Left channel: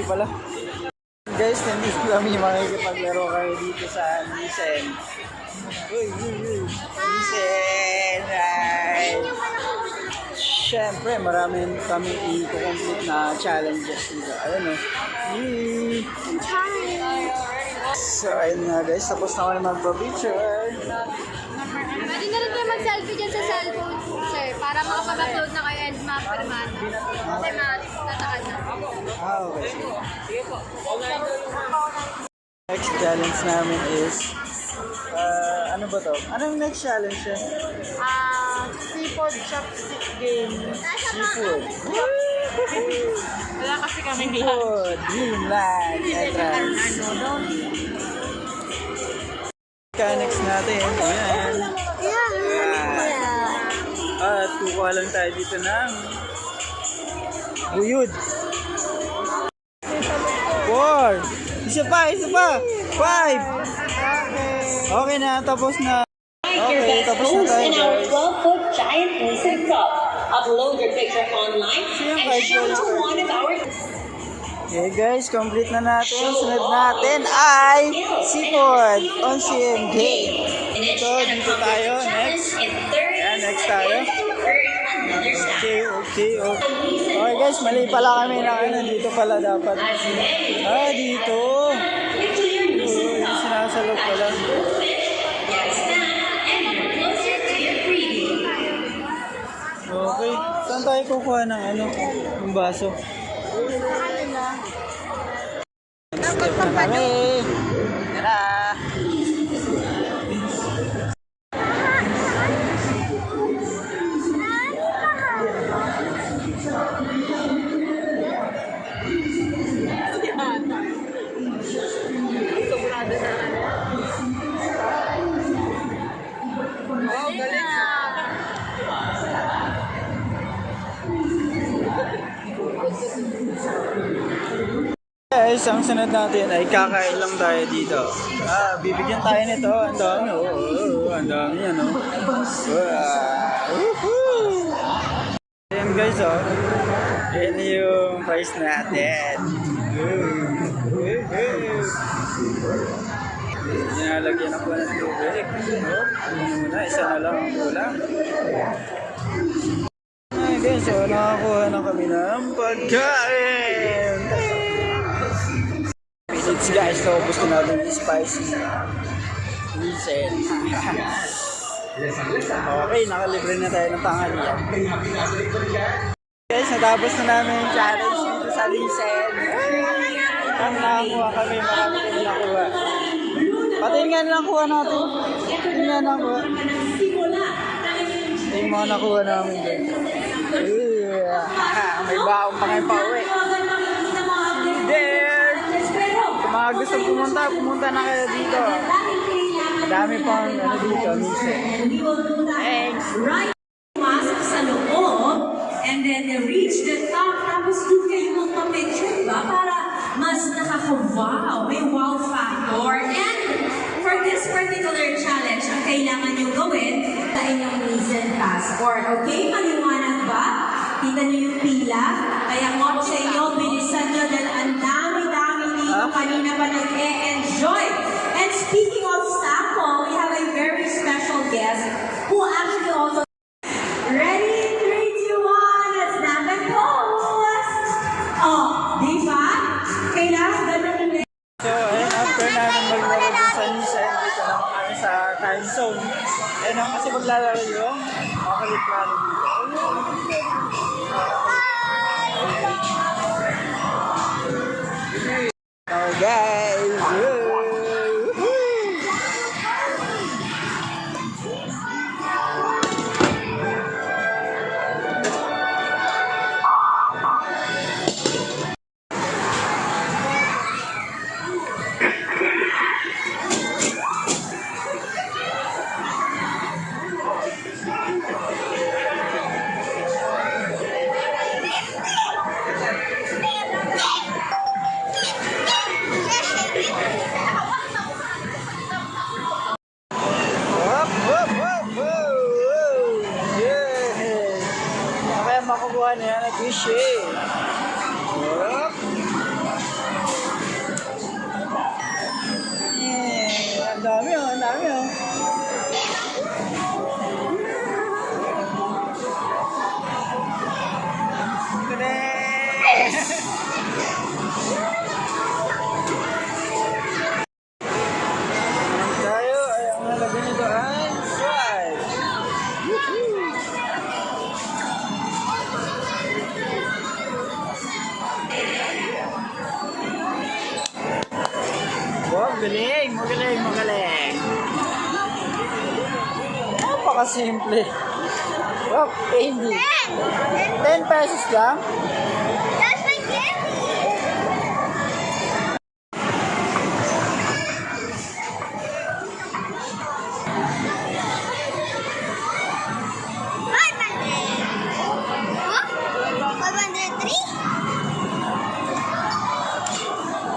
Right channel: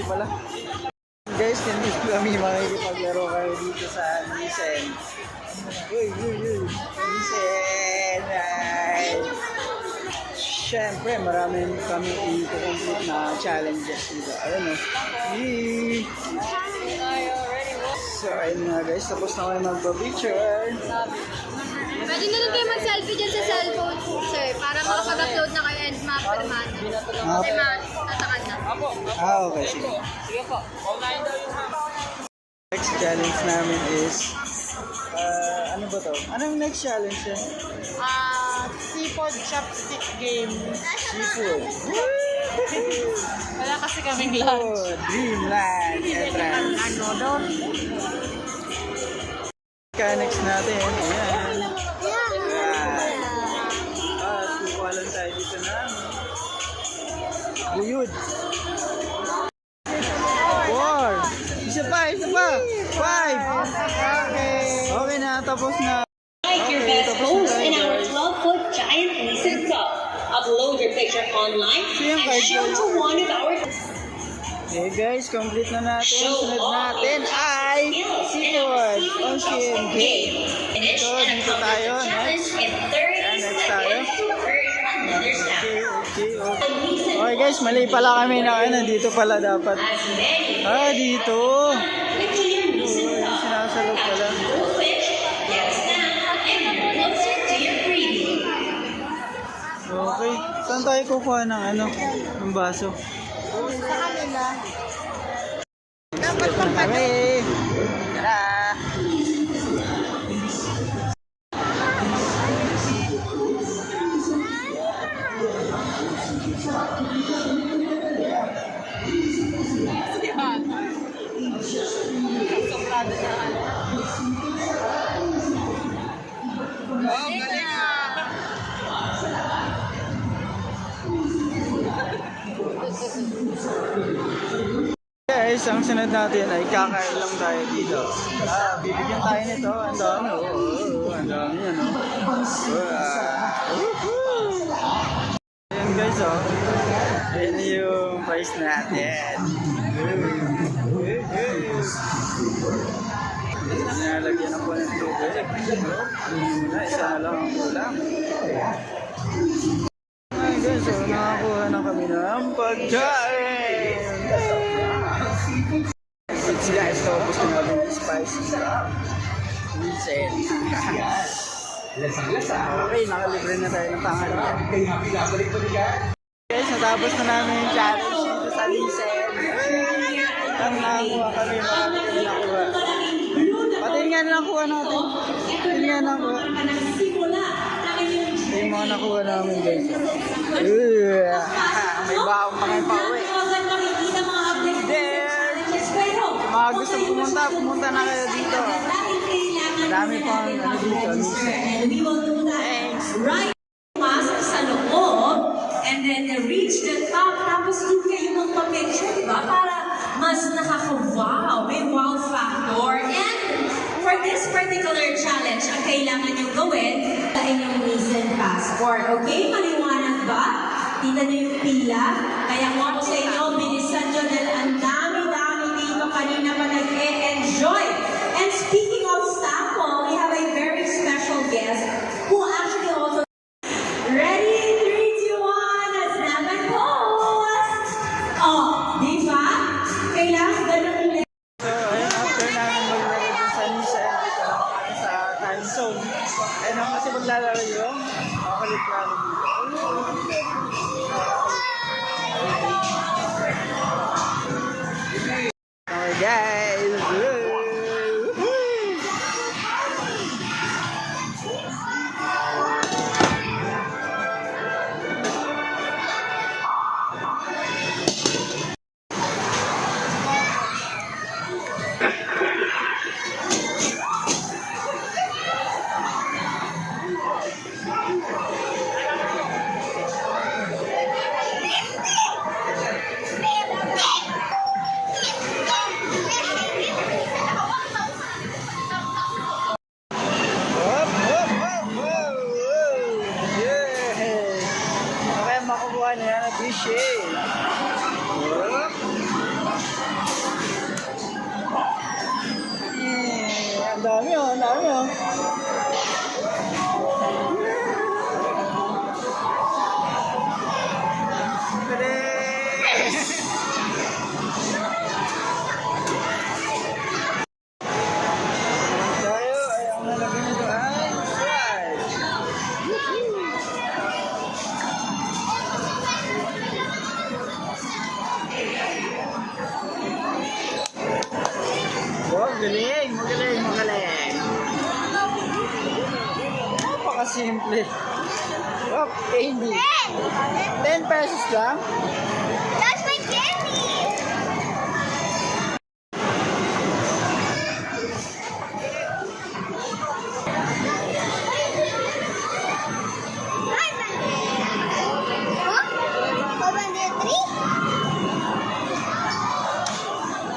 video pala. Guys, nandito kami makikipaglaro kayo dito sa Lisen. Uy. Lisen! Siyempre, marami kami i-complete na challenges dito. Ayun o. So, ayun nga guys. Tapos na ako na magpa-picture. Pwede na rin kayo mag-selfie dyan sa cellphone, sir, para makapag-upload na kayo and ma-permata. Kasi matatakad na. Okay. Sige. Next challenge namin is, ano ba to? Anong next challenge yun? Seafood chopstick game. Seafood. Wala kasi kami Seafood. Dreamland. Entrance. Next natin. Ayan. At kukuha lang tayo dito ng buyod. 4. Isa pa. 5. Okay na, tapos na. Okay, tapos na tayo guys. 12-foot giant Nissan Cup. Upload your picture online and show to one of our... Okay guys, complete na natin. Sunod natin ay seafood ocean game. So, dito tayo. Next. Ayan, next tayo. Okay. Okay guys, mali pala kami na dito pala dapat. Dito. Yung sinasalog pala. Okay. Saan tayo kukuha ng ng baso? Dapat pampano. Tara! Guys, ang sunod natin ay kakain lang tayo dito. Bibigyan tayo nito. Ang dami. Ang dami yan. Ayan guys, Ayan yung price natin. Nalagyan ako ng tubig. Isa na lang ang kulang. Ay guys, nakakuha na kami ng pagkain. It's guys, naubos na natin yung spicy. Listen. Okay, nakalibre na tayo ng tanghalian. Guys, natapos na namin yung challenge dito sa Lisen. Ang nakakuha kami, marami kami nakuha. Pati nga nakuha natin. Pati nga nakuha. Yung mga nakuha namin guys. May baong pa ngayon pa uwi. There! Kung mga gusto pumunta na kayo dito. Madami pang dito, Lisen. Thanks! Pasok sa loob, and then reach the top, tapos doon kayo magpa-picture, ba? Para mas nakaka-wow, may wow factor. And for this particular challenge, ang kailangan nyo gawin, sa inyong Nissan passport. Okay? Maliwanag ba? Kita nyo yung pila? Kaya kung ako sa inyo, bilisan nyo dahil ang dami-dami dito kanina pa nag-e-enjoy. And speaking of sample, we have a very special guest who actually also ready, 3, 2, 1, let's snap and pose! Di ba? Kailangan ganun ulit. So, ayun, after namin maglaro dun sa Lisen, dito lang kami sa time zone. Ayun, kasi maglalaro yung makalit namin dito. Okay guys! makukuha niya, appreciate. Ang dami oh, ang dami oh. Bilis! Naman tayo, ay ang nalagay nito ay swipe. Wow, galing, magaling, magaling. Napakasimple. Wow, candy. 10 pesos lang. That's my candy!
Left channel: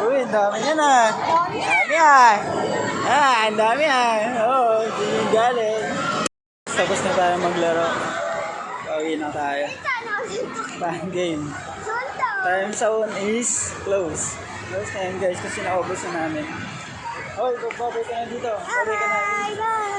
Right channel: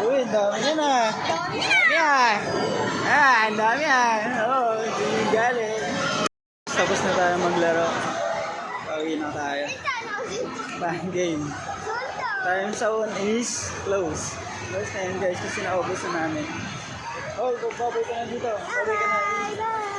Uy, ang dami yan ah. Ang dami ah. Ah, ang dami ah. Oo, hindi galing. Tapos na tayo maglaro. Pauwi na tayo. Fan game. Time zone is close. Close na yun guys kasi naubos na namin. Oh, babay ka na dito. Babay ka na. Bye!